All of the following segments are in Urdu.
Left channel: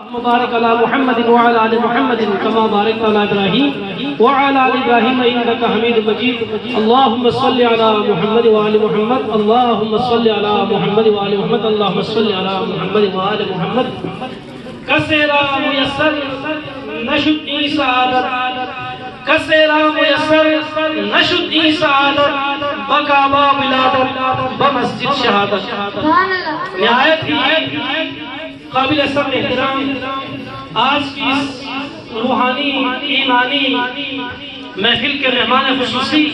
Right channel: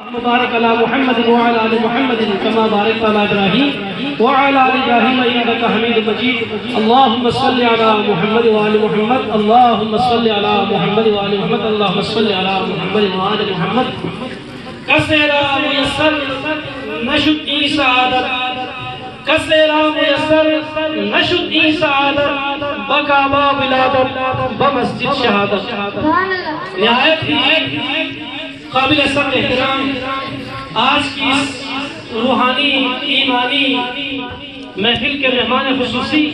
مبارك على محمد وعلى آل محمد كما باركت على إبراهيم وعلى آل إبراهيم إنك حميد مجيد. اللهم صل على محمد وآل محمد. اللهم صل على محمد وآل محمد. اللهم صل على محمد وآل محمد. کسرا میسر نشد این سعادت، کسرا میسر نشد این سعادت، بکعبہ ولادت بمسجد شہادت. نہایت ہی قابل سب احترام آج کی اس روحانی ایمانی محفل کے مہمان خصوصی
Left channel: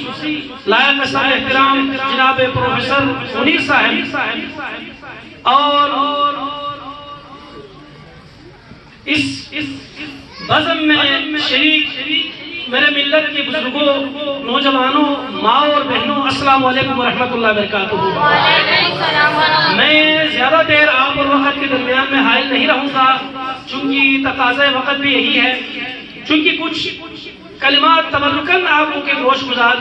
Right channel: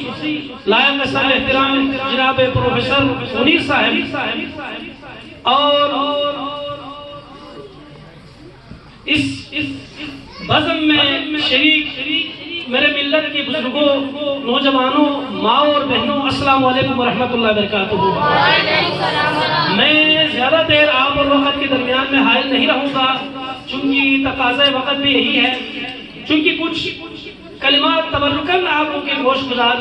لائق سب احترام جناب پروفیسر منیر صاحب اور اس بزم میں شریک میرے ملت کے بزرگوں، نوجوانوں، ماں اور بہنوں، السلام علیکم ورحمۃ اللہ وبرکاتہ. میں زیادہ دیر آپ اور وقت کے درمیان میں حائل نہیں رہوں گا، چونکہ تقاضۂ وقت بھی یہی ہے. چونکہ کچھ کلمات تبرکاً آپ لوگوں کے گوش گزار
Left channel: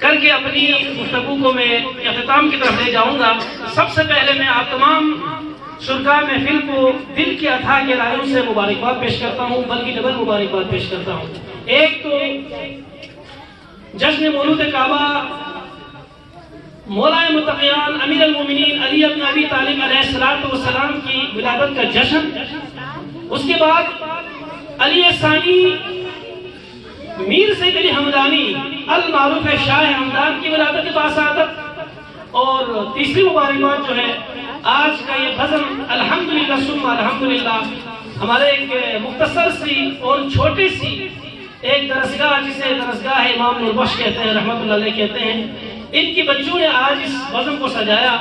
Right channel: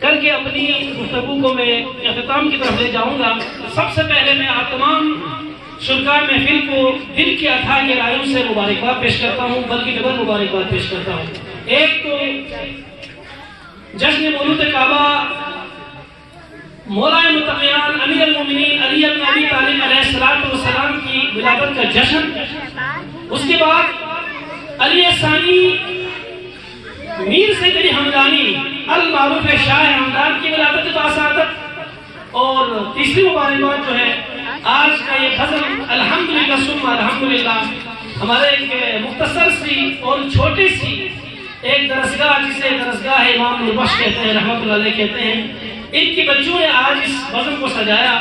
کر کے اپنی گفتگو کو میں اختتام کی طرف لے جاؤں گا. سب سے پہلے میں آپ تمام شرکاء محفل کو دل کی اتھا گہرائیوں سے مبارکباد پیش کرتا ہوں، بلکہ ڈبل مبارکباد پیش کرتا ہوں. ایک تو جشن مولود کعبہ مولا متقیان امیر المومنین علی بن ابی طالب علیہ السلام کی ولادت کا جشن، اس کے بعد علی ثانی میر سید علی حمدانی المعروف شاہ حمدان کی ولادت کے باسعادت. اور تیسری مبارکباد جو ہے آج کا یہ غزل الحمدللہ ثم الحمدللہ، ہمارے ایک مختصر سی اور چھوٹی سی ایک درسگاہ جسے درسگاہ امام نوربخش کہتے ہیں رحمۃ اللہ علیہ کہتے ہیں، ان کی بچوں نے آج اس بزم کو سجایا.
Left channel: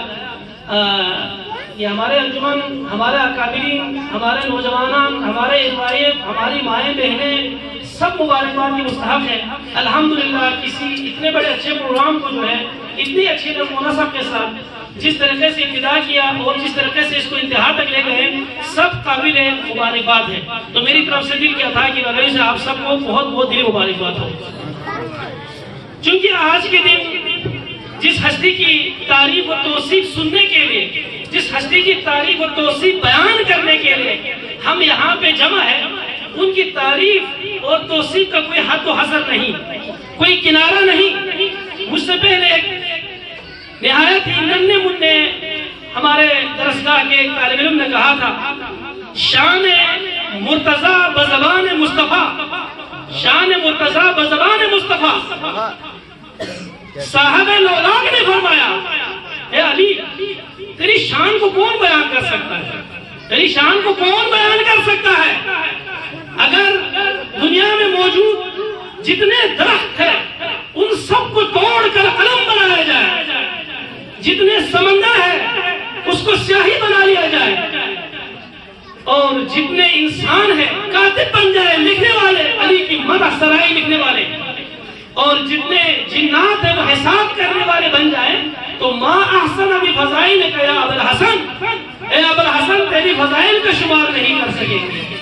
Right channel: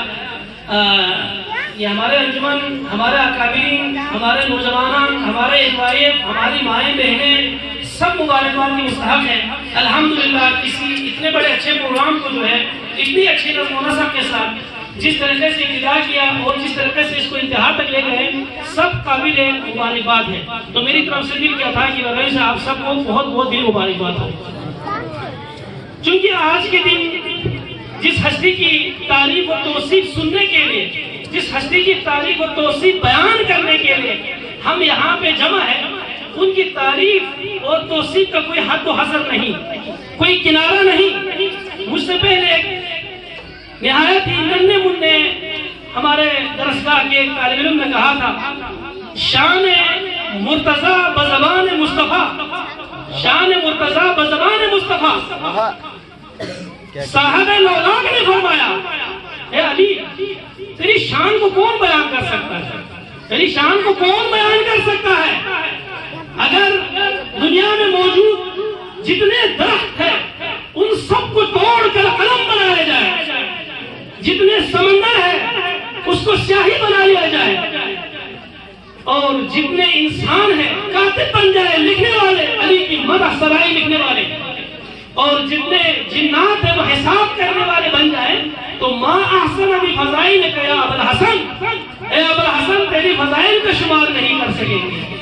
یہ ہمارے انجمن، ہمارے اکابرین، ہمارے نوجوانان، ہمارے ادوائیب، ہماری مائیں بہنیں سب مبارکباد کی مستحق ہیں. الحمدللہ کسی اتنے بڑے اچھے پروگرام کو جو ہے اتنی اچھی نظم و نسق کے ساتھ جس طریقے سے ابتدا کیا اور جس طریقے سے اس کو انتہا تک لے گئے سب قابل مبارکباد ہے. تو میری طرف سے دل کیا تھا کہ وغیرہ سے آپ سب کو بہت بہت دل مبارکباد ہو. چونکہ آج کے دن جس ہستی کی تعریف و توصیف سننے کے لیے، جس ہستی کی تعریف و توصیف بیان کرنے کے لیے ہم یہاں پہ جمع ہیں، ان کی تعریف اور توصیف کا کوئی حد و حصر نہیں، کوئی کنارہ نہیں. مجھ سے پہلے ایک نہایت ہی ننھے منھے ہمارے درسگاہ کے ایک طالب علم نے کہا تھا، شان مرتضیٰ بزبان مصطفیٰ، شان مرتضیٰ بزبان مصطفیٰ. صاحب لولاک نے فرمایا، اے علی تیری شان کو کون بیان کر سکتا ہے، تیری شان کو کون بیان کر سکتا ہے؟ اگر دنیا میں موجود جتنے درخت ہیں ان سب کو توڑ کر قلم بنایا جائے، جتنے سمندر ہیں اس کو سیاہی بنا لیا جائے، اور جتنے انسان ہیں کاتب بن جائے، لکھنے والے علی کی مدح سرائی لکھنے والے، اور جتنے جنات ہیں وہ حساب کرنے والے بن جائیں، تو ما احسن ابی فضائل کا یا ابوالحسن، اے ابوالحسن تیری فضائل کا شمار نہیں کر سکیں گے.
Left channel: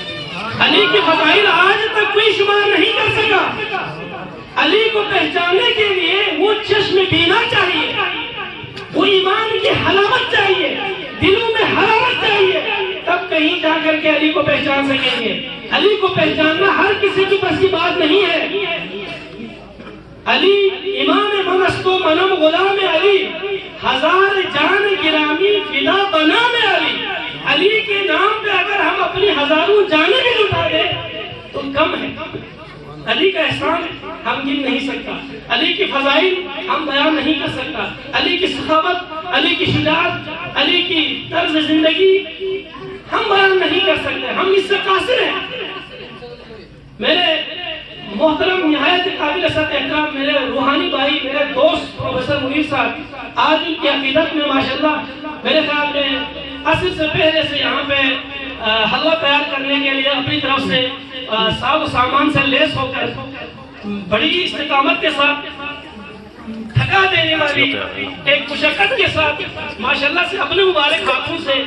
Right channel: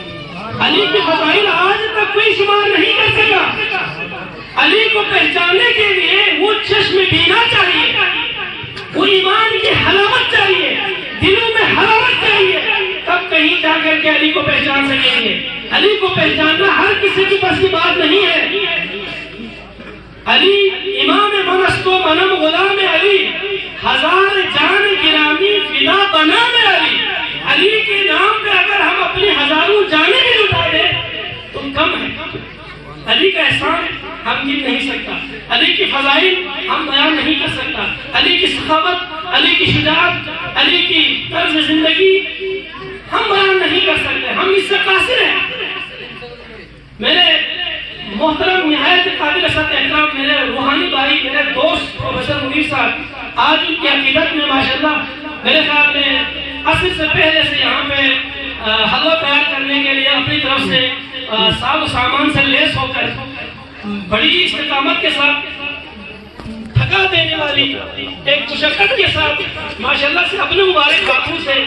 علی کی فضائل آج تک کوئی شمار نہیں کر سکا. علی کو پہچاننے کے لیے وہ چشم بینا چاہیے، وہ ایمان کی حلاوت چاہیے، دلوں میں حرارت چاہیے، تب کہیں جا کر کے علی کو پہچان سکیں گے. علی کو پہچاننا ہر کسی کی بس کی بات نہیں ہے. علی امام منست و منم غلام علی، ہزار جان گرامی فدا بنام علی. علی کے نام پہ اگر ہم اپنی ہزاروں جانیں بھی لٹا دیں تو کم ہے. علی کا احسان ہم گن نہیں سکتا، علی کی فضائل ہم بیان نہیں کر سکتا، علی کی سخاوت، علی کی شجاعت، علی کی طرز زندگی ہم بیان نہیں کر سکتے، ہم اس سے قاصر ہیں. میرے محترم نہایت قابل سطح احترام میرے روحانی بھائی، میرے دوست پروفیسر منیر صاحب آج ان کی عقیدت میں ماشاءاللہ میرے خیال میں عصر سے پہلے سے یہاں پہ حلوہ تیار کرنے کے لیے اپنی طرف سے ساز و سامان سے لیس ہو کر بڑی استقامت کے ساتھ، تھکا دینے والی ایک مشقت کے ساتھ ماشاءاللہ سے اپنے مبارک ہاتھوں سے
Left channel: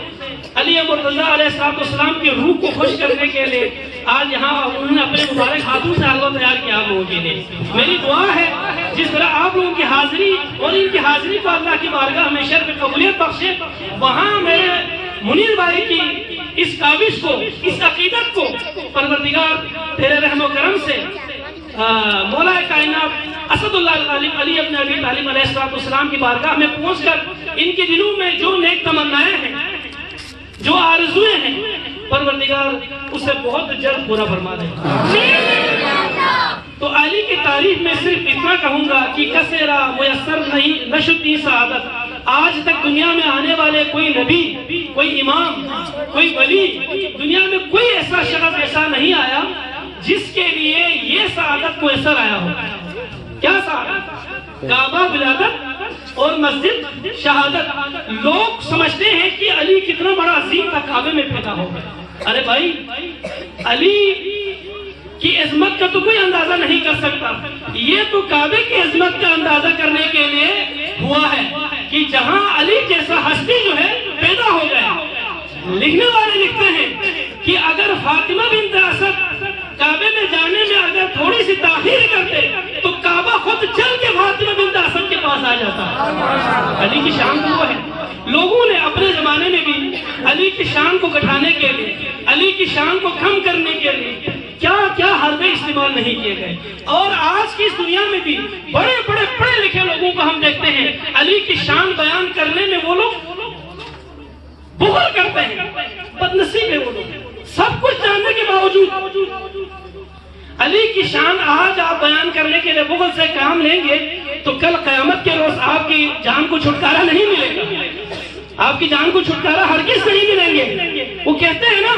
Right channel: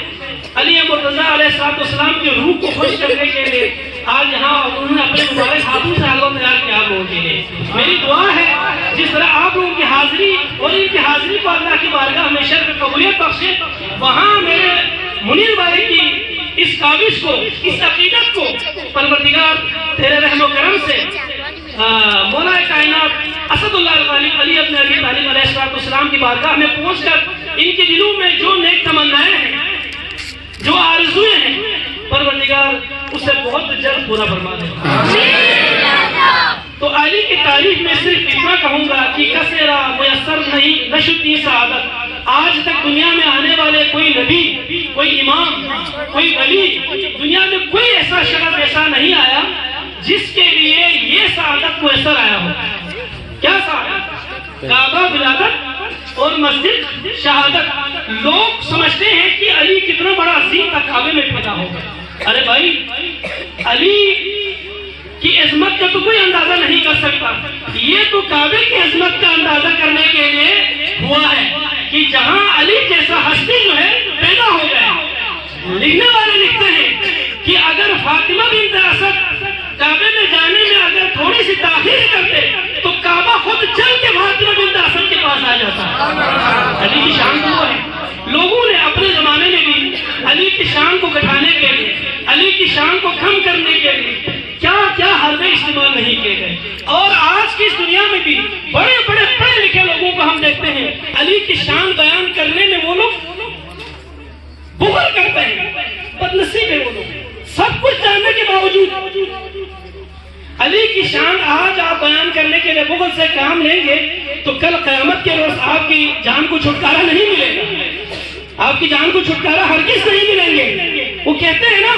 علی مرتضیٰ علیہ السلام کی روح کو خوش کرنے کے لیے آج یہاں انہوں نے اپنے مبارک ہاتھوں سے حلوہ تیار کیا آپ لوگوں کے لیے. میری دعا ہے جس طرح آپ لوگوں کی حاضری اور ان کی حاضری کو اللہ کی بارگاہ ہمیشہ قبولیت بخشے، وہاں میرے منیر بھائی کی اس کاوش کو، اس عقیدت کو پروردگار تیرے رحم و کرم سے مولا کائنات اسد اللہ الغالب علی ابن ابی طالب علیہ السلام کی بارگاہ میں پہنچ کر ان کے دلوں میں جو نیک تمنائیں ہیں، جو آرزویں ہیں، پروردگار اسے بہت جلد پورا فرما دے۔ تو علی کی تعریف میں صرف اتنا کہوں گا کہ کثیرہ میسر نہیں نشتی سعادت، آج تک دنیا میں آنے والے کوئی نبی، کوئی امام، کوئی ولی، دنیا میں کوئی ایسا شخص ایسا نہیں آیا جس کے لیے یہ سعادت میسر آیا ہو۔ کیا سعادت؟ کعبہ ولادت اور مسجد شہادت۔ لوگ سمجھتے ہیں کہ علی کتنا بڑا عظیم تھا، کعبے میں پیدا ہو گیا۔ ارے بھائی، علی کی عظمت کا تو کوئی اندازہ نہیں کر سکتا، یہ تو کعبے کی عظمت کا اندازہ کرنے کے لیے ہوا ہے کہ جہاں علی جیسا ہستی جو ہے پیدا ہو گیا۔ لکھنے والے لکھتے ہیں کہ اگر فاطمہ بنت اسد کعبے میں جانے میں اگر تھوڑی سی تاخیر کرتے تو کعبہ خود چل کے فاطمہ بنت اسد کے پاس آ جاتا۔ علی کی شان تو ہے، لوگوں نے اپنے زمانے میں بھی علی کی شان کو گھٹانے کے لیے، علی کی شان کو کم کرنے کے لیے کیا کیا حربے استعمال نہیں کیے گئے۔ اور آج کی اس دنیا میں بھی بڑے بڑے پڑھے لکھے لوگوں کو ہم دیکھتے ہیں، علی کی شان بیان کرنے میں وہ لوگ بغل کرتے ہیں، بدنصیب ہے وہ لوگ۔ سب کچھ جاننے کے باوجود علی کی شان آج آپ بیان کرنے کے لیے بغل سے کام لیں گے تو کل قیامت کے روز آپ کی جان کو چھٹکارا نہیں ملے گا، آپ کی جان کو چھٹکارا ہرگز نہیں ملیں گے۔ وہ کہتے ہیں نا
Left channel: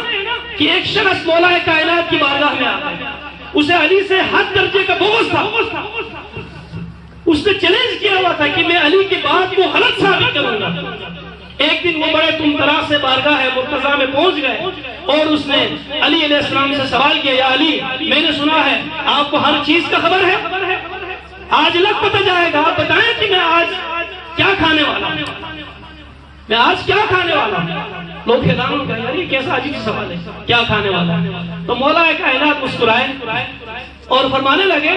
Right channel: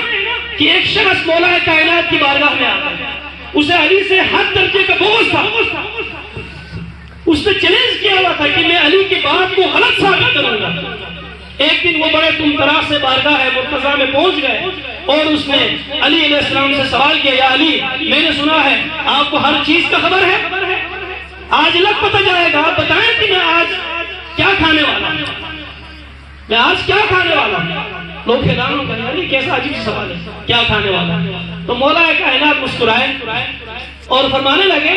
کہ ایک شخص مولا کائنات کی بارگاہ میں آتا ہے، اسے علی سے ہر درجے کا بغض تھا، اس نے چیلنج کیا ہوا تھا کہ میں علی کی بات کو غلط ثابت کروں گا۔ ایک دن وہ بڑے طمطراق سے بارگاہ مرتضیٰ میں پہنچ گئے اور اس نے علی علیہ السلام سے سوال کیا، یا علی، میں نے سنا ہے آپ کو ہر چیز کا خبر ہے، آج لگ پتہ جائے گا، آپ بتائیں کہ میں آج کیا کھانے والا ہوں، میں آج کیا کھانے والا ہوں۔ لوگ حیران ہو گئے، علی کیسا عجیب سوال ہے، کیا کھانے والا؟ تو مولا کائنات مسکرائے اور فرمانے لگے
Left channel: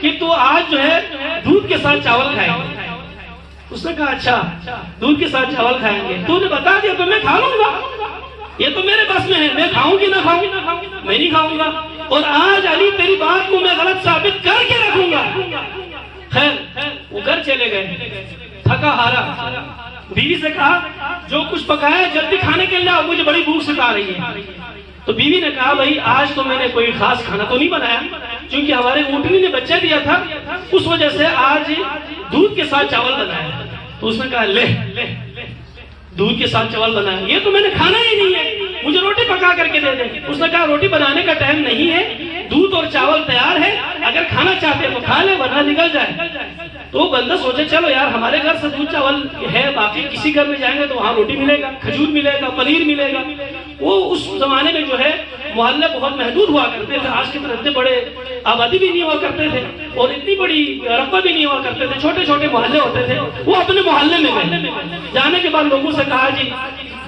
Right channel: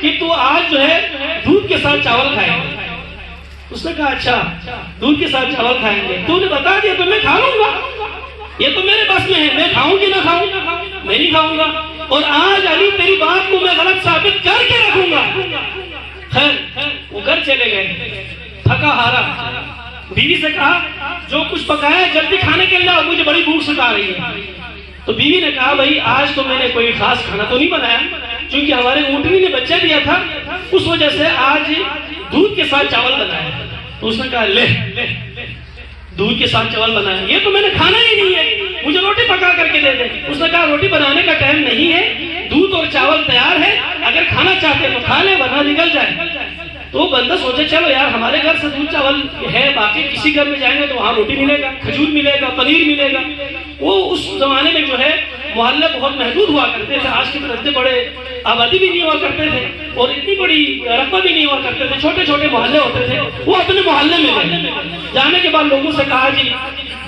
کہ تو آج جو ہے دودھ کے ساتھ چاول کھائیں گے۔ اس نے کہا اچھا، دودھ کے ساتھ چاول کھائیں گے، تو نے بتا دیا تو میں کھا لوں گا، یہ تو میرے بس میں ہے، میں کھاؤں گی نہ کھاؤں، میں نہیں کھاؤں گا، اور آج علی تیری بات کو میں غلط ثابت کر کے رکھوں گا۔ خیر وہ گھر چلے گئے، تھکا ہارا، بیوی سے کہا جو کچھ پکایا جلدی کھانے کے لیے آؤ، مجھے بڑی بھوک ستا رہی ہے۔ تو بیوی نے کہا بھائی آج تو میں نے کوئی خاص کھانا تو نہیں بنایا، چونکہ ہمارے اونٹنی نے بچہ دیا تھا، اس وجہ سے آج دودھ کے ساتھ چاول بنایا۔ تو اس نے کہا لے دودھ کے ساتھ چاول بنایا، یہ تو میں نے کھانا ہی نہیں ہے، مجھے روٹی پکا کر کے دے دے۔ اس نے کہا روٹی بنانے کا ٹائم نہیں ہے، دودھ اور چاول تیار ہے، اگر کھانا چاہتے تو کھا لے ورنہ نکل جائے۔ تو بندہ سوچے چلو یار ہمارے گھر سے دودھ چاول ہے، باقی کسی گھر میں جائیں گے تو وہاں روٹی ملے گا، کھجور ملے گا، پنیر ملے گا۔ وہ اس زمانے میں جو ہے محلے بہت محدود ہوا کرتے تھے، آج کے طرح اتنے بڑے آبادی بھی نہیں ہوا کرتے تھے اور اتنی بڑی رقبہ بھی نہیں ہوا کرتے تھے، چھوٹے چھوٹے محلے ہوتے تھے۔ وہ اپنے محلے میں گئے، جانے کے بعد لوگوں سے کہا جی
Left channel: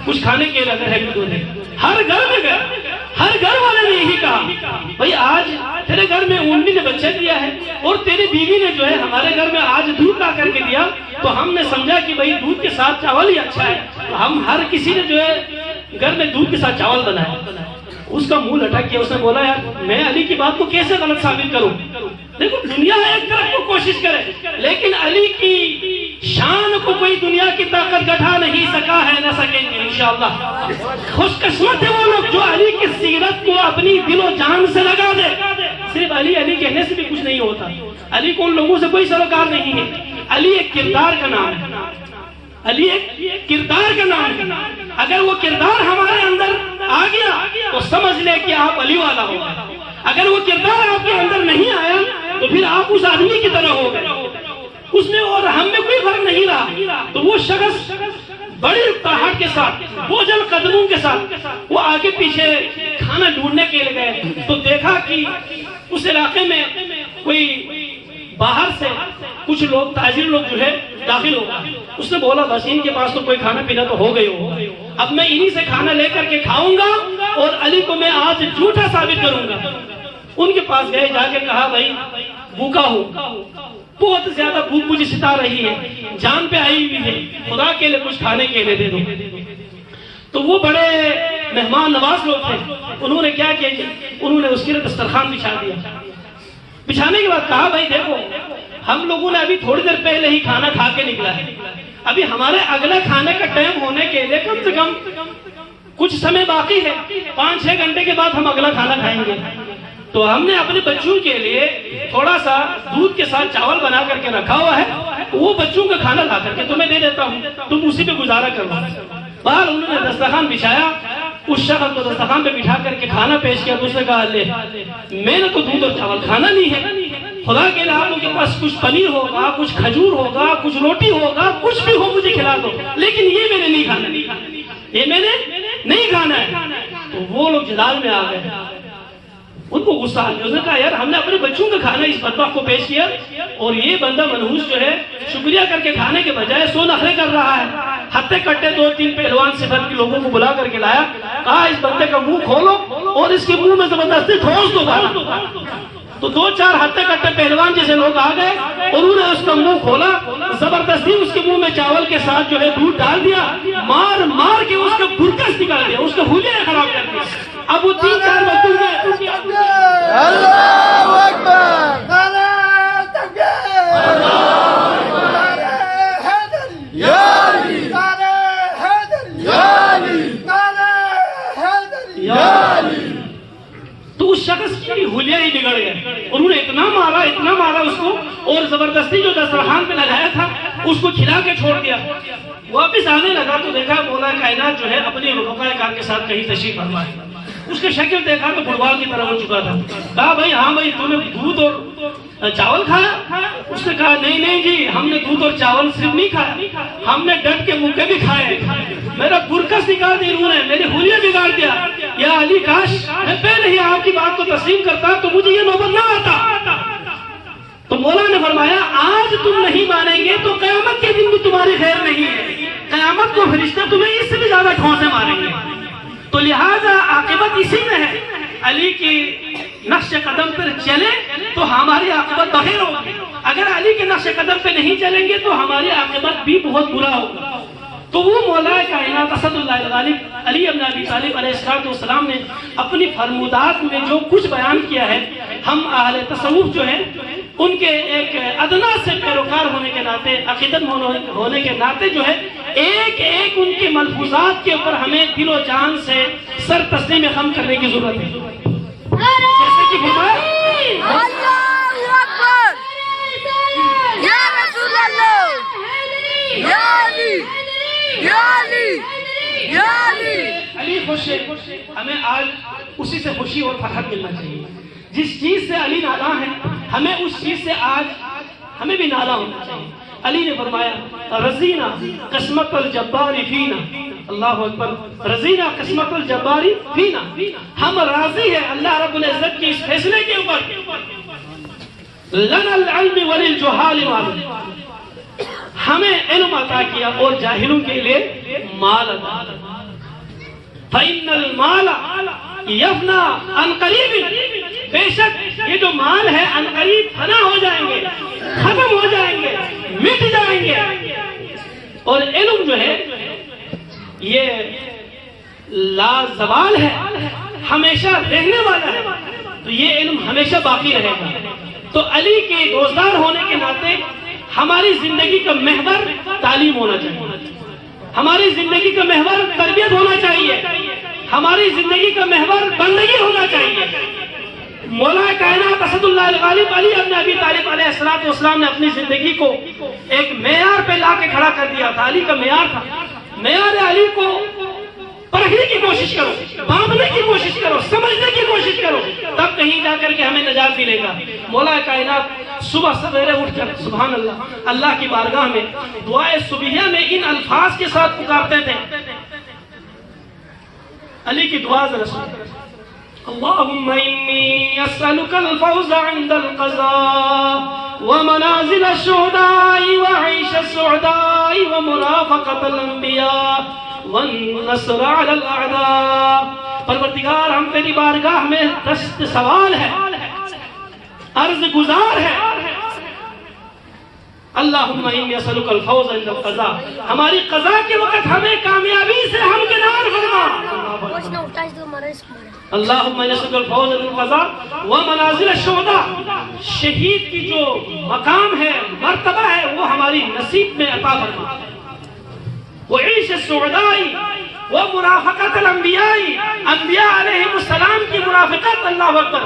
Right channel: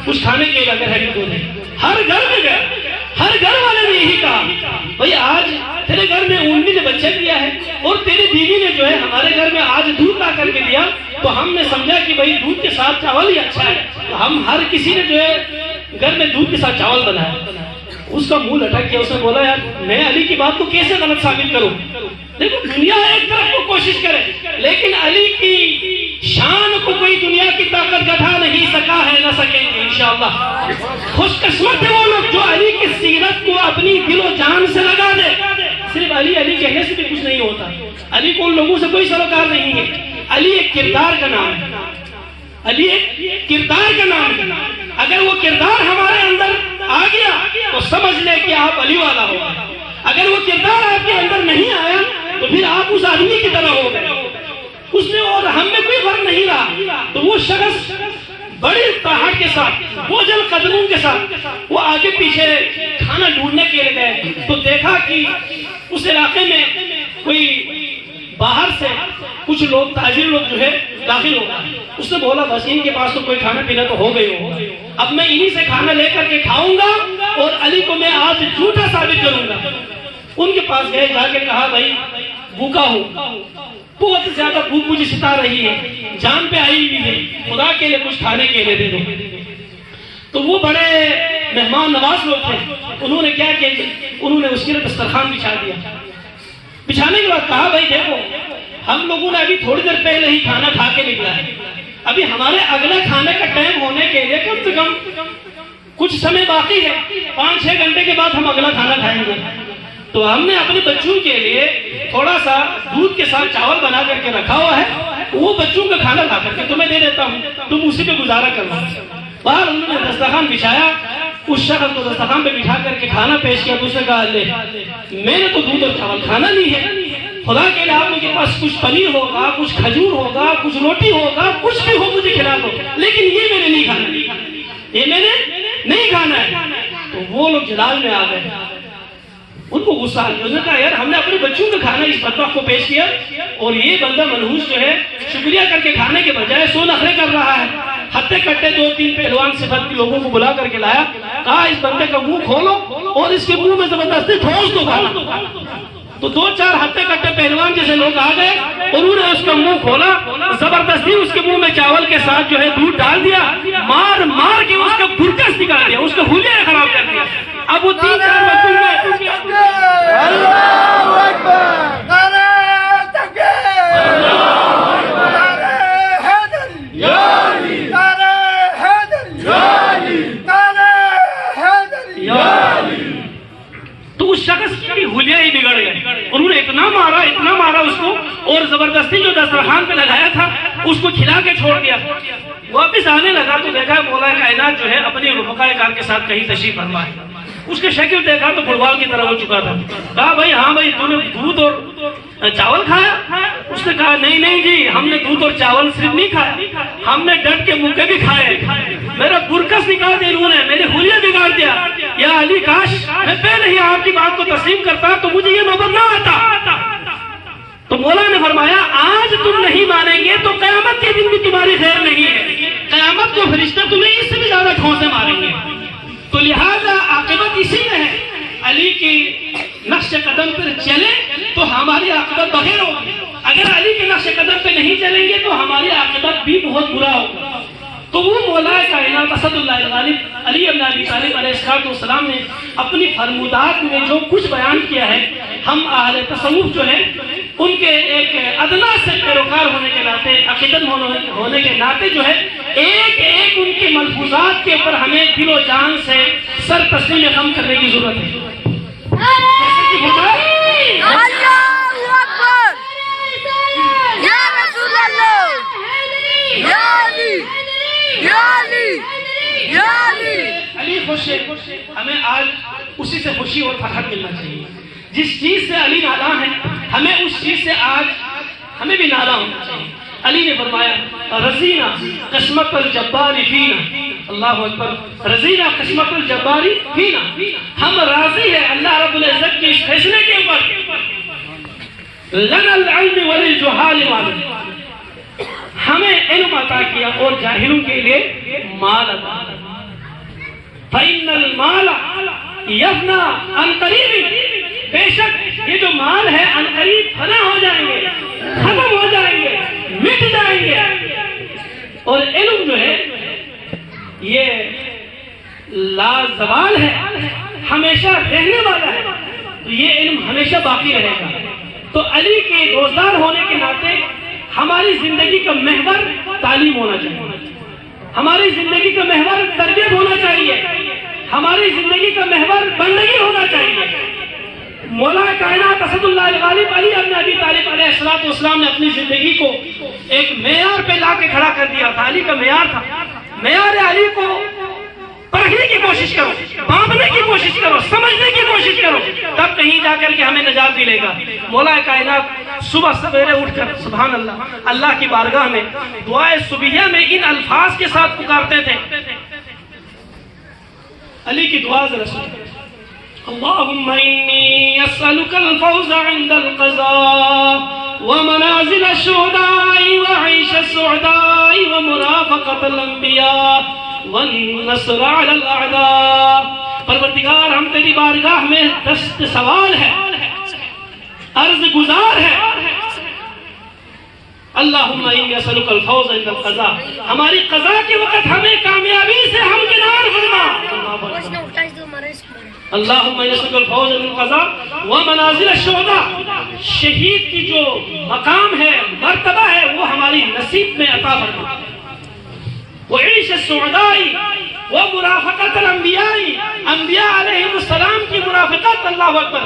کچھ کھانے کے لیے اگر ہے تو دے۔ ہر گھر میں گئے، ہر گھر والے نے یہی کہا بھائی آج تیرے گھر میں اونٹنی نے بچہ دیا ہے اور تیری بیوی نے جو ہے ہمارے گھر میں آج دودھ لا کر کے دیا، تو ہم نے سمجھا کہ بھائی دودھ کے ساتھ چاول ہی اچھا ہے، تو ہم ہر کسی نے جو ہے گھر میں دودھ کے ساتھ چاول بنایا۔ اس کا منہ لٹک گیا، اس نے بولا یار میں علی کی بات کو کیسے غلط ثابت کروں؟ دیکھو دنیا ایک طرف کو کوشش کرے لیکن علی کی شان کو کوئی دنیا کی طاقت گھٹا نہیں سکا ہے، نہ سکیں گے انشاءاللہ۔ خوش قسمت ہے وہ لوگ جو علی کی سیرت کو اپنی دل و جان سے لگا دے۔ صرف علی علی کہنے سے بھی کچھ نہیں ہوتا، علی کو ان لوگوں سے کوئی سروکار نہیں ہے۔ علی ایک کردار کا نام ہے، علی ایک کردار کا نام ہے۔ اگر وہ کردار ہمارے اندر آ گیا تو سمجھ لے کہ آپ علی والا ہو گئے، اگر وہ کردار آپ کے اندر نہیں آیا تو پھر آپ اس آدمی کی طرح ہو گئے، اس میں اور ہم میں کوئی فرق نہیں رہا۔ تو وہ شخص بڑی تاہٹ کے ساتھ، بوجھل قدموں کے ساتھ وہ آگے پیچھے کھانا ڈھونڈنے کے لیے گئے تو دیکھا کہ اس علاقے میں کوئی باہر سے کچھ لوگ تاجر لوگ جو ہے داخل ہو گئے۔ اس نے بولا بس ان کے پاس تو کوئی کھانا پینا تو ہو گئی ہو، اب میں انہی سے کھانا لے کر کے کھاؤں گا اور علی کو میں آج جھوٹا ثابت کروں گا۔ ان کے پاس گئے، جا کے کہا بھائی بھوکا ہوں، بہت زیادہ بھوک مجھے ستا رہی ہے، جان پہ آئی ہوئی ہے، خدا کے لیے کچھ کھانے کے لیے دے دو۔ تو وہ بڑے مہمان نواز لوگ تھے، انہوں نے کیا کیا، انہوں نے اس کے لیے دسترخوان بچھا دیا۔ بچھانے کے بعد کہا بھائی دیکھو ہم لوگوں نے ابھی تھوڑی دیر پہلے ہی کھانا کھا کے نکلا ہے، ابھی ہمارے اگلے کھانے کا ٹائم ہونے کے لیے کم سے کم کچھ سمے باقی ہے، 5-6 گھنٹے کے بعد ہم اگلا کھانا کھائیں گے۔ تو ہم نے اپنے بچوں کے لیے تھوڑا سا دودھ کے ساتھ چاول بنا کر کے رکھا ہوا ہے، وہ بچوں کا کھانا کھا کر کے تمہیں دے دیتا ہوں، تم اسی پہ گزارا کرو۔ باہر انہوں نے دسترخوان بچھایا، اس شخص کو دسترخوان پہ بٹھا کر کے کھانا پیش کیا، تو اس نے کہا لے میں نے تو دودھ اور چاول کھانا نہیں ہے، خدا کے لیے آپ لوگوں کے پاس کچھ پنیر ہوگا، کچھ کھجور ہوگا، کچھ روٹی ہوگا، کچھ بھی ہو مجھے کھلا دو، لیکن یہ میں نے نہیں کھانا، یہ میں نے نہیں کھانا ہے۔ تو وہ لوگ جلال میں آ گئے، ان کو غصہ آ گیا، اس نے کہا یار ہم نے اپنے بچوں کا کھانا اس بدبخت کو پیش کیا اور یہ بندہ منحوس جو ہے شکریہ کر کے کھانے کے بجائے سو نخرے کر رہا ہے۔ ہتھے کٹے 2-3 پہلوان صفت کے لوگوں کو بلا کر کے لایا، کہا اس بندے کا منہ کھولو اور اس کے منہ میں زبردستی ٹھوس دو گالا۔ تو 2-4 ہتھے کٹے پہلوان جیسے لوگ آ گئے، انہوں نے اس کا منہ کھولا، زبردستی اس کے منہ میں چاول کے ساتھ جو ہے دودھ ڈال دیا، مار مار کے اس کا برکس نکال دیا، اس کا حلیہ خراب کر دیا۔ اب وہ 3-4 بچوں میں تو اس شخص کی حلیہ ہی بگڑ گئے، انہوں نے اتنا مارا اس کو، اور زبردستی جو دسترخوان پہ لگایا تھا اس کو کھلا کے چھوڑ دیا۔ واپس آنے لگا تو دیکھا مولا کائنات جو ہے اپنی رفقائے کار کے ساتھ کہیں تشریف فرما ہے، اس کے شکل دیکھا تو فٹبال کی طرح ہو چکا تھا۔ کہا بھائی ہاں بھائی تو نے دودھ اور چاول کھایا؟ اس نے کہا نہیں جی ہم نے دودھ اور چاول صرف نہیں کھایا، ہم نے ڈٹ کے مکے بھی کھائے، میرا برکس نکال دیا انہوں نے، میرے حلیہ بگاڑ دیا۔ یا علی کاش میں پہلے ہی آپ کی بات کو تسلیم کرتا تو مجھے یہ نوبت نہ آتا۔ تو مولا نے فرمایا آج تم نہیں مانیں گے تو قیامت کے دن بھی تمہاری خیر نہیں ہے، قیامت کو فرشتے تمہیں اس سے بھی زیادہ ٹھونسے ماریں گے۔ تو لہذا عاقبت اسی میں ہے، علی کی نقش قدم پر چلے تو ہماری عاقبت بغیر ہوگی، اگر علی کے نقش قدم پہ نہیں چلیں گے تو ہماری عاقبت بھی بہت برا ہوگا۔ تو وہ مولا کائنات اسد اللہ الغالب علی بن ابی طالب علیہ السلام نے اپنی فرمودات میں جو کچھ بیان کیا ہے، ہم اہل تصوف جو ہے ان کے ایک ادنا سے پیروکار ہونے کے ناطے، عقیدت ہونے کے ناطے جو ہے ایک ایک ان کے ملفوظات کے اوپر ہمیں دل و جان سے سر تسلیم غم کرنے کی ضرورت ہے۔ جیسے کہ علی خوش ہے، ہمیں آج اسی سے خوشی اور فخر ملنا چاہیے، جس چیز سے علی ناراں ہے ہمیں اس چیز سے آج ہمیں بھی ناراں ہونا چاہیے۔ علی نے فرمایا رضینا قسمت الجبار فینا، اللہ اکبر، رضینا قسمت الجبار فینا، ہم راضی ہیں اللہ رب العزت کے اس فیصلے کے اوپر، لنا العلم وللجہال مال، ہمیں علم عطا کیا اور جاہلوں کے لیے مال عطا کیا۔ فَإِنَّ الْمَالَ يَفْنَى عَنْ قَرِيبٍ، بے شک یہ جو مال ہے عن قریب فنا ہو جائیں گے، ختم ہو جائیں گے، مٹ جائیں گے، اور علم جو ہے یہ لازوال ہے، ہمیشہ رہنے والا ہے، تو یہ علم ہمیشہ باقی رہے گا۔ تو علی کے دوستدار ہونے کے ناطے ہماری زندگی کا محور تعلیم ہونا چاہیے، ہماری زندگی کا محور تربیت ہونا چاہیے، ہماری زندگی کا محور بندگی ہونا چاہیے۔ مولا کائنات اسد اللہ الغالب علی بن ابی طالب علیہ السلام نے اپنی زندگی کو ایک معیار پہ لا کے کھڑا کر دیا تھا، علی کا معیار تھا۔ معیار علی کو پرکھنے کی کوشش کرو، بانپنے کی کوشش کرو، سمجھنے کی کوشش کرو، تب کہیں جا کر کے ہمیں نجات ملے گا۔ مولا کائنات صبح سویرے اٹھ کر سبحان اللہ اللہ کی بارگاہ میں دعائے صبحیہ میں ان الفاظ کے ساتھ پکارتے تھے۔ علی کی دعا ذرا سنیں، اللہم انی اسألک الفوز عند القضاء ومنازل الشہداء وعیش السعداء ومرافقت الانبیاء والنصر علی الاعداء۔ پروردگار ہم تیری بارگاہ میں دست سوال ہے، عرض گزار ہے، اللہم انی اسألک الفوز عند القضاء، ہماری قضاء کے وقت ہمیں کامیابی سے ہمکنار فرما۔ اللہم نسألک الفوز بالقضاء ومنازل الشہداء، شہید کی جو مقام ہے، مرتبہ ہے، وہ ہماری نصیب میں عطا فرما. وعیش السعداء ومرافقت الانبیاء، انبیاء علیہ السلام کی مرافقت، اللہ اکبر،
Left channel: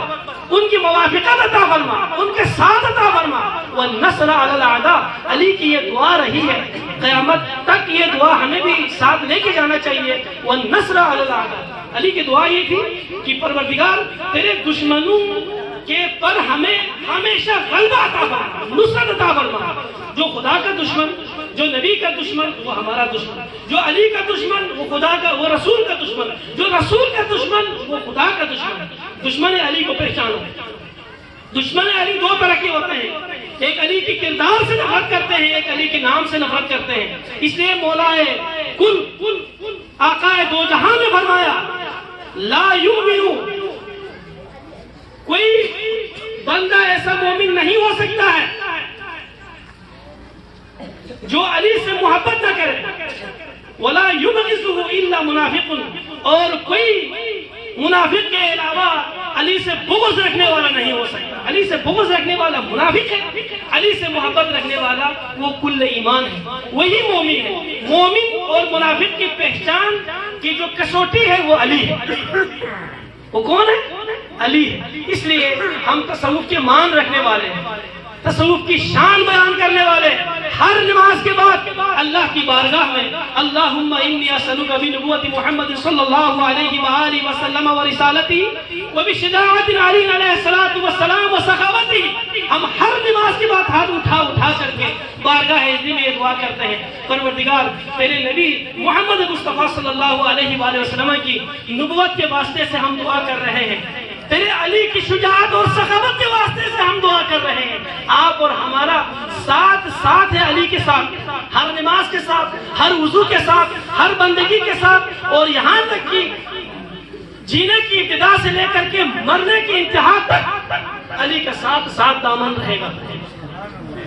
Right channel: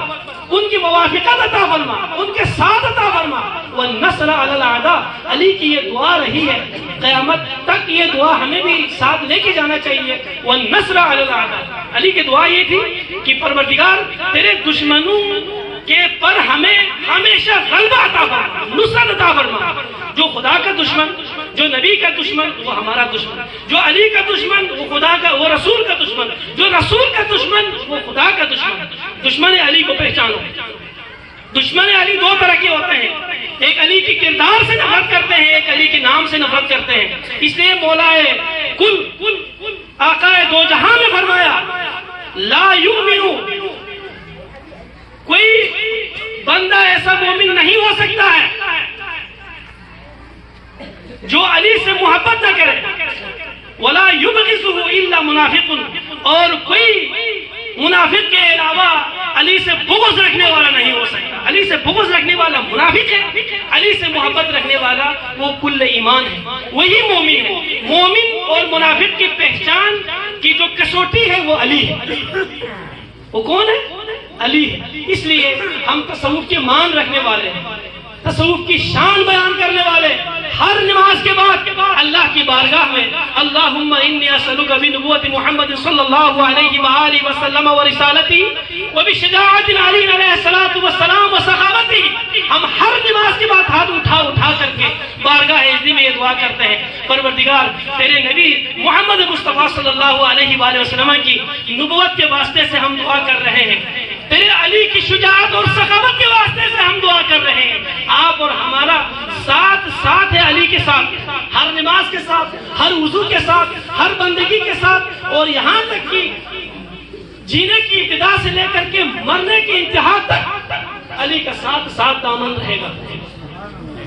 ان کی موافقت عطا فرما، ان کے ساتھ عطا فرما. والنصر علی الاعداء، علی کی یہ دعا رہی ہے قیامت تک، یہ دعا ہمیں بھی ساتھ لے کے جانا چاہیے. والنصر علی الاعداء، علی کی دعا یہ تھی کہ پروردگار تیرے دشمنوں کے پر ہمیں ہمیشہ غلبہ عطا فرما، نصرت عطا فرما. جو خدا کا دشمن، جو نبی کا دشمن وہ ہمارا دشمن، جو علی کا دشمن وہ خدا کا، وہ رسول کا دشمن، جو رسول کا دشمن وہ خدا کا دشمن. دشمن علی کو پہچانو. دشمن علی دو طرح کے ہوتے ہیں، ایک علی کی کردار سے نفرت کرتے ہیں، ایک علی کے نام سے نفرت کرتے ہیں. اس لیے مولا کل آقا دو جہاں نے فرمایا لا یؤمن، کوئی بندہ ایسا مومن نہیں ہو سکتا ہے جو علی سے محبت نہ کرے. ولا یبغضه الا منافق، اور کوئی منافق کے علاوہ علی سے بغض رکھنے والا نہیں ہو سکتا. علی سے بغض رکھنے والا منافق ہے، علی سے محبت رکھنے والا وہ کل ایمان ہے، وہی مومن ہے. مومن اور منافق کی پہچان کی جو کسوٹی ہے وہ علی ہے. وہ کون ہے؟ علی ہے. اس لیے ہم تصوف کے مان رکھنے والے ہیں، تصوف کی شان بیان کرنے والے. ہر نماز کے بعد اللہ کی بارگاہ میں اللہم انی اسألک بنبوت محمد صلی اللہ علیہ وآلہ وسلم ورسالتی وبشجاعت علی علیہ الصلوۃ والسلام وسخاوتی، ہم ہر نماز کے بعد ہاتھ اٹھا کر کے بارگاہ عزی میں دعا کرتے ہیں پروردگار تیرے نبی محمد مصطفیٰ صلی اللہ علیہ وآلہ وسلم کی نبوت کے واسطے سے ہم دعا کر رہے ہیں، تیرے علی کی شجاعت اور سخاوت کے واسطے سے ہم دعا کر رہے ہیں. آپ اور ہمارا ساتھ ہے علی کے ساتھ، ہر نماز کے ساتھ، ہر وضو کے ساتھ، ہر بندگی کے ساتھ، اور یہاں تک کہ جینے کی ابتدا سے لے کر کے مرنے کی انتہا تک علی کا ساتھ دامن رہے گا.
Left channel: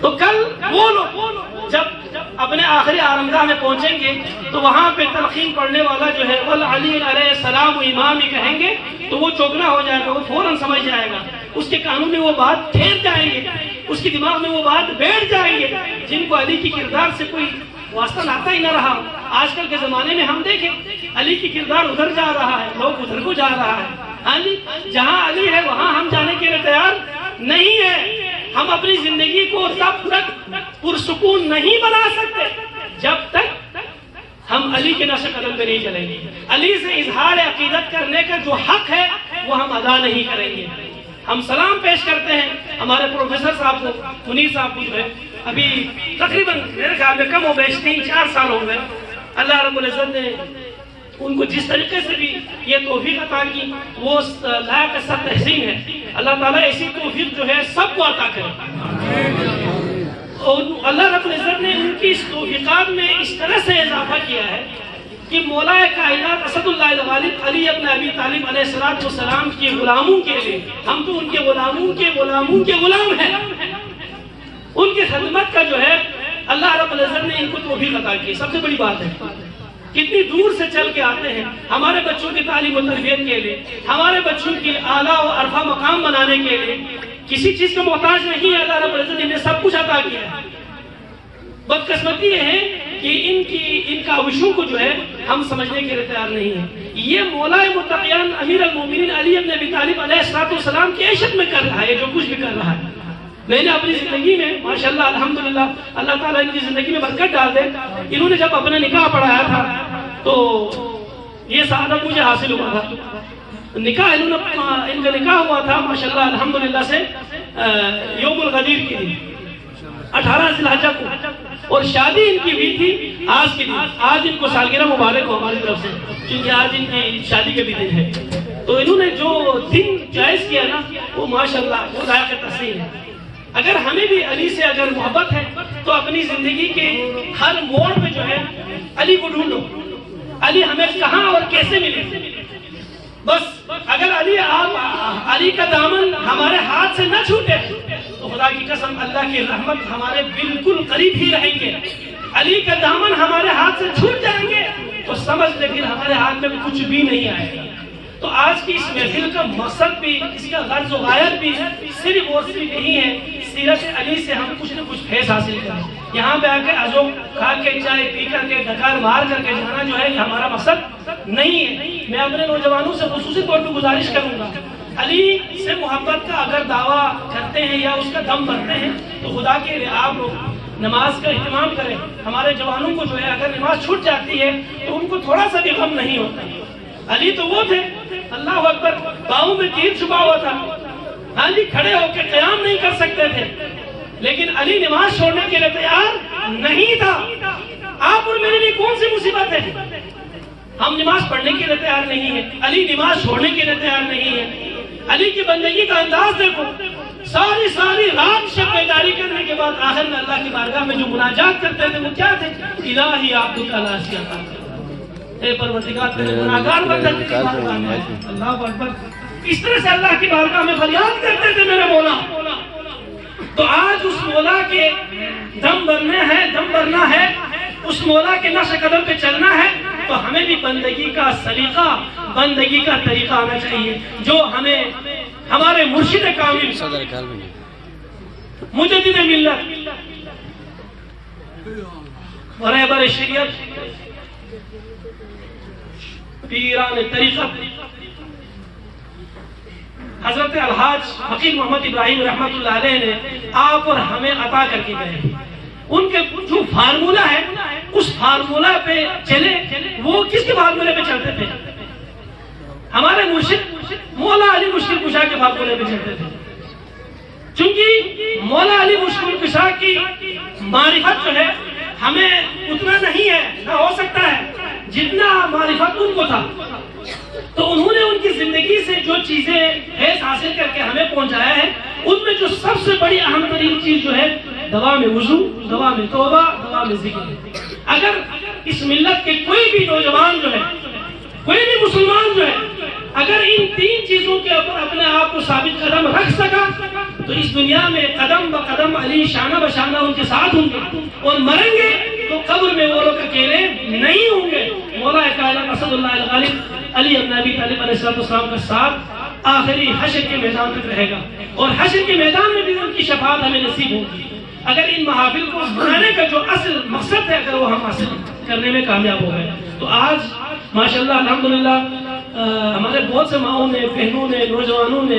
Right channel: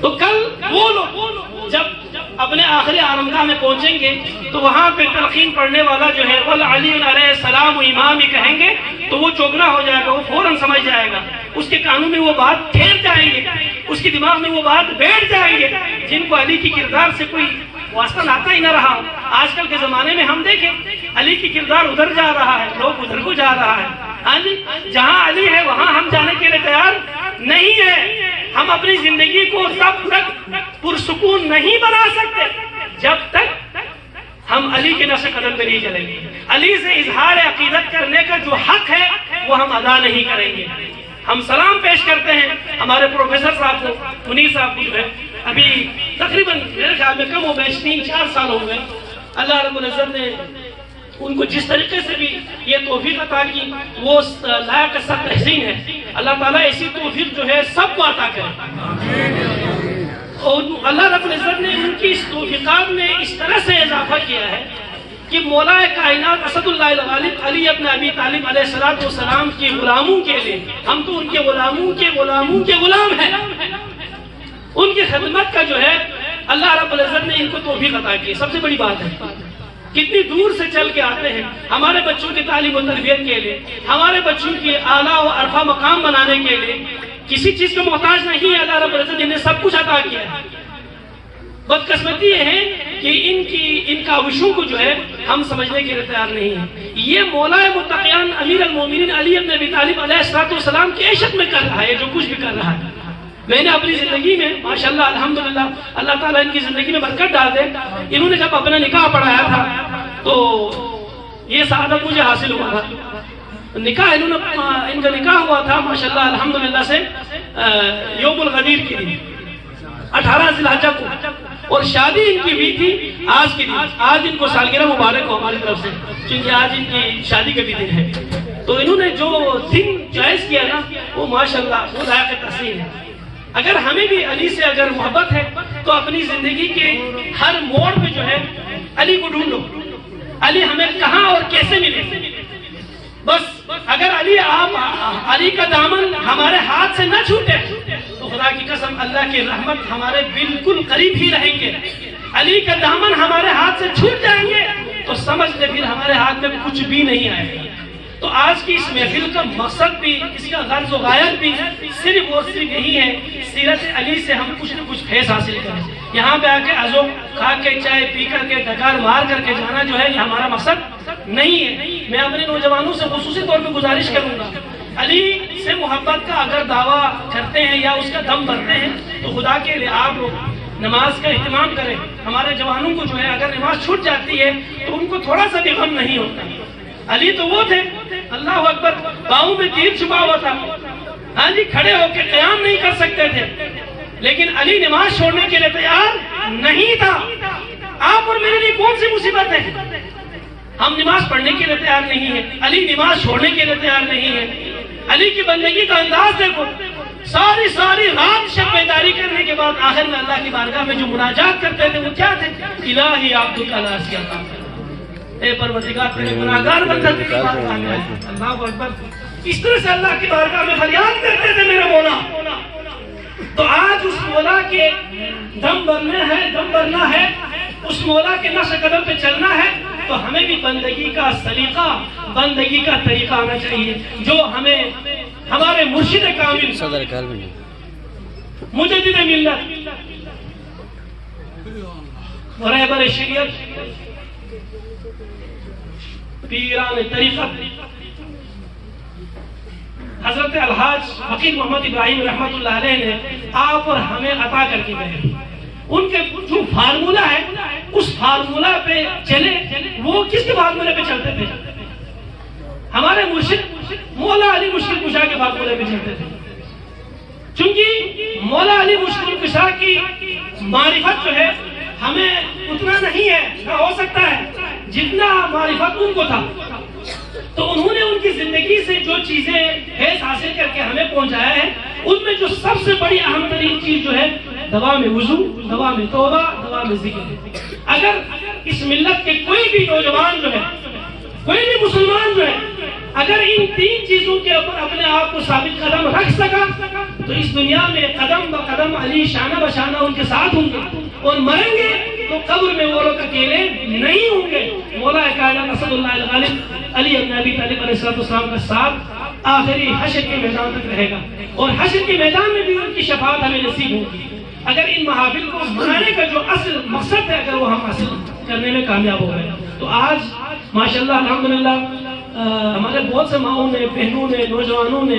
تو کل وہ لوگ جب اپنے آخری آرامگاہ میں پہنچیں گے تو وہاں پہ تلقین پڑھنے والا جو ہے وَالْعَلِيُّ علیہ السلام امام ہی کہیں گے تو وہ چوکنا ہو جائے گا، وہ فوراً سمجھ جائے گا، اس کے کانوں میں وہ بات ٹھہر جائیں گے، اس کے دماغ میں وہ بات بیٹھ جائیں گے. جن کو علی کی کردار سے کوئی واسطہ لاتا ہی نہ رہا. آج کل کے زمانے میں ہم دیکھیں علی کی کردار ادھر جا رہا ہے، لوگ ادھر کو جا رہا ہے. جہاں علی ہے وہاں ہم جانے کے لیے تیار نہیں ہے. ہم اپنی زندگی کو تب تک پرسکون نہیں بنا سکتے جب تک ہم علی کے نقش قدم پہ نہیں چلیں گے. علی سے اظہار عقیدت کرنے کا جو حق ہے وہ ہم ادا نہیں کریں گے. ہم سلام پیش کرتے ہیں ہمارے پروفیسر صاحب کو، منیر صاحب کو، جو ہے ابھی تقریباً میرے خیال میں کم ہو گئے 3-4 سال ہو گئے. اللہ رب العزت نے ان کو جس طریقے سے بھی یہ توفیق عطا کی وہ لائق سب تحسین ہے. اللہ تعالیٰ ایسی توفیق جو ہے سب کو عطا کرے. اور اللہ رب العزت نے ان کی اس توفیقات میں اس طرح سے اضافہ کیا ہے کہ مولا کائنات اسد اللہ الغالب علی ابن ابی طالب علیہ السلام کے غلاموں کے لیے، ہم تو ان کے غلاموں کے غلام ہیں، ان کی خدمت کا جو ہے اللہ رب العزت نے ان کو توفیق عطا کی. سب سے بڑی بات ہے کتنی دور سے چل کے آتے ہیں ہمارے بچوں کی تعلیم و تربیت کے لیے، ہمارے بچوں کی اعلیٰ و عرفہ مقام بنانے کے لیے. کسی چیز کا محتاج نہیں ہے، اللہ رب العزت نے سب کچھ عطا کیا ہے. بدقسمتی یہ ہے کہ ان کاوشوں کو جو ہے ہم سمجھنے کے لیے تیار نہیں ہیں. یہ مولا متقیان امیر المومنین علی ابن ابی طالب علیہ السلام کی عیشت میں کر رہا ہے جو کچھ بھی کر رہا ہے. میں نے اپنی زندگی میں ماشاءاللہ الحمدللہ اللہ تعالیٰ ان کی زندگی میں برکت ڈال دے، انہوں نے جب اپنا نکاح پڑھایا تھا تو یہ سعادت مجھے حاصل ہوا تھا. نکاح ان کا نکاح ہوا تھا ماشاءاللہ الحمدللہ سے یوم الغدیر کی دن 18 ذی الحجہ کو، اور شادی ان کی ہوئی تھی آج کی دن. آج ان کو سالگرہ مبارک ہو ہماری طرف سے، کیونکہ آج ان کی شادی کا بھی دن ہے. تو انہوں نے جو دن چوائس کیا نا وہ ماشاءاللہ وہ لائق تحسین ہے. اگر ہمیں بھی علی سے اگر محبت ہے تو اپنی زندگی کے ہر موڑ پہ جو ہے علی کو ڈھونڈو. علی ہمیں کہاں اور کیسے ملے. بس اگر علی کا دامن ہمارے ہاتھ سے نہ چھوٹے تو خدا کی قسم اللہ کی رحمت ہمارے بالکل قریب ہی رہیں گے. علی کا دامن ہمارے ہاتھ سے چھوٹ جائیں گے تو سمجھ لے پھر ہمارے ہاتھ میں کچھ بھی نہیں آئے گا. تو آج کی اس محفل کا مقصد بھی، اس کا غرض و غایت بھی صرف اور صرف یہی ہے، سیرت علی سے ہم کچھ نہ کچھ فیض حاصل کریں۔ یہاں پہ آ کے ازو کھا کے چائے پی کر کے ڈکار مار کر کے جانا جو ہے یہ ہمارا مقصد نہیں ہے۔ میں اپنے نوجوانوں سے خصوصی طور پہ گزارش کروں گا، علی سے محبت کا اگر دعویٰ کرتے ہیں یا اس کا دم بھرتے ہیں تو خدا کے لیے آپ لوگ نماز کا اہتمام کریں۔ ہمارے جوانوں کو جو ہے اگر نماز چھوٹ جاتی ہے تو ان کو تھوڑا سا بھی غم نہیں ہوتا۔ علی تو وہ تھے، اللہ اکبر، باؤں میں تیر چھپا ہوا تھا، ہاں جی، کھڑے ہو کے قیام نہیں کر سکتے تھے، لیکن علی نماز چھوڑنے کے لیے تیار نہیں تھا۔ آپ اور میرے لیے کون سی مصیبت ہے؟ ہم نماز پڑھنے کے لیے تیار نہیں ہے، علی نماز چھوڑنے کے لیے تیار نہیں ہے۔ علی کی بندگی کا انداز دیکھو، ساری رات شب بیداری کرنے کے بعد آخر میں اللہ کی بارگاہ میں جو مناجات کرتے تھے وہ کیا تھے؟ الہی عبدک لا شیء لہ، اے پروردگار تیرے گناہگار بندے کی بارگاہ میں، اللہ اکبر، اس طرح سے اللہ کی بارگاہ میں فریاد کرتے تھے میرے مولا۔ تو آج اس مولا کے دم بھرنا ہے، اس مولا کے نقش قدم پہ چلنا ہے، تو ہمیں بھی بندگی کا سلیقہ، بندگی کا طریقہ آنا چاہیے جو ہمیں ہمارے مرشد کامل، مجدد ملت، رہبر شریعت، پیران طریقت حضرت الحاج حکیم محمد ابراہیم رحمۃ اللہ علیہ نے آپ اور ہمیں عطا کر کے گئے۔ ان کے جو فارمولہ ہے اس فارمولہ پہ چلے، وہ کس کے فارمولے پہ چلتے تھے؟ ہمارے مرشد مولا علی مشکل کشا کے فارمولے پہ چلتے تھے، چونکہ مولا علی مشکل کشا کی معرفت جو ہے ہمیں اتنا نہیں ہے، نہ ہو سکتا ہے جتنا معرفت ان کو تھا۔ تو انہوں نے ان کی زندگی سے جو چیزیں فیض حاصل کر کے ہمیں پہنچایا ہے، ان میں جو سب سے بڑی اہم ترین چیز جو ہے دوا میں وضو، دوا میں توبہ، دوا میں ذکر۔ اگر اس ملت کے کوئی بھی نوجوان جو ہے، کوئی بھی مسلمان جو ہے، اگر ان تین چیزوں کے اوپر اپنے آپ کو ثابت قدم رکھ سکا تو اس دنیا میں قدم بقدم علی شانہ بشانہ ان کے ساتھ ہوں گے، اور مریں گے تو قبر میں وہ لوگ اکیلے نہیں ہوں گے۔ مولا کائنات اسد اللہ الغالب علی بن ابی طالب علیہ السلام کا ساتھ آخری حشر کے میدان تک رہے گا، اور حشر کے میدان میں بھی ان کی شفاعت ہمیں نصیب ہوگی اگر ان محافل کو منانے کا جو اصل مقصد ہے اگر وہ ہم حاصل کرنے میں کامیاب ہو گئے۔ تو آج ماشاءاللہ الحمدللہ ہمارے بہت سے ماؤں نے، بہنوں نے، نوجوانوں نے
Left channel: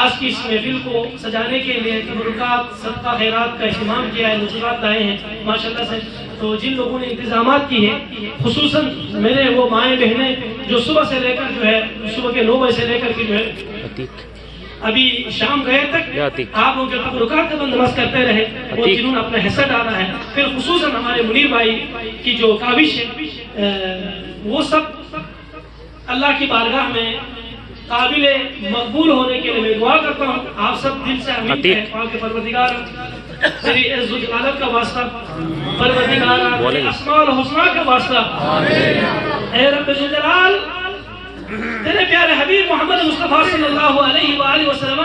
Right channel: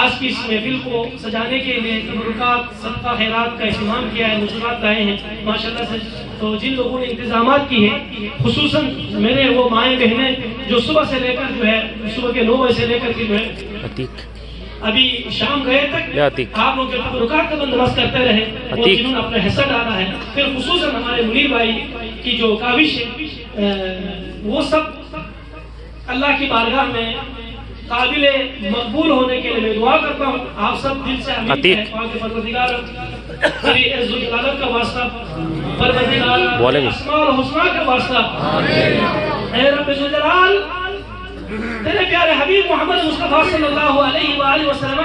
آج کی اس محفل کو سجانے کے لیے تبرکات، صدقہ خیرات کا اہتمام کیا ہے، نذرات لائے ہیں ماشاءاللہ سے۔ تو جن لوگوں نے انتظامات کی ہے، خصوصاً میرے وہ مائیں بہنیں جو صبح سے لے کر جو ہے صبح کے 9 بجے سے لے کر کے جو ہے ابھی شام گئے تک آپ لوگ تبرکات کا بندوبست کرتے رہے، اور جنہوں نے اپنا حصہ ڈالا ہے، پھر خصوصاً ہمارے منیر بھائی کی جو کاوش ہے، وہ سب اللہ کی بارگاہ میں قابل مقبول ہونے کے لیے میں دعا کرتا ہوں۔ آپ سب دل سے امین ہے، پاک پروردگار تیری عز و جلالت کا واسطہ، پروردگار اسماء الحسنی کا واسطہ، اے رب جلال تیرے پیارے حبیب محمد مصطفیٰ صلی اللہ علیہ وآلہ وسلم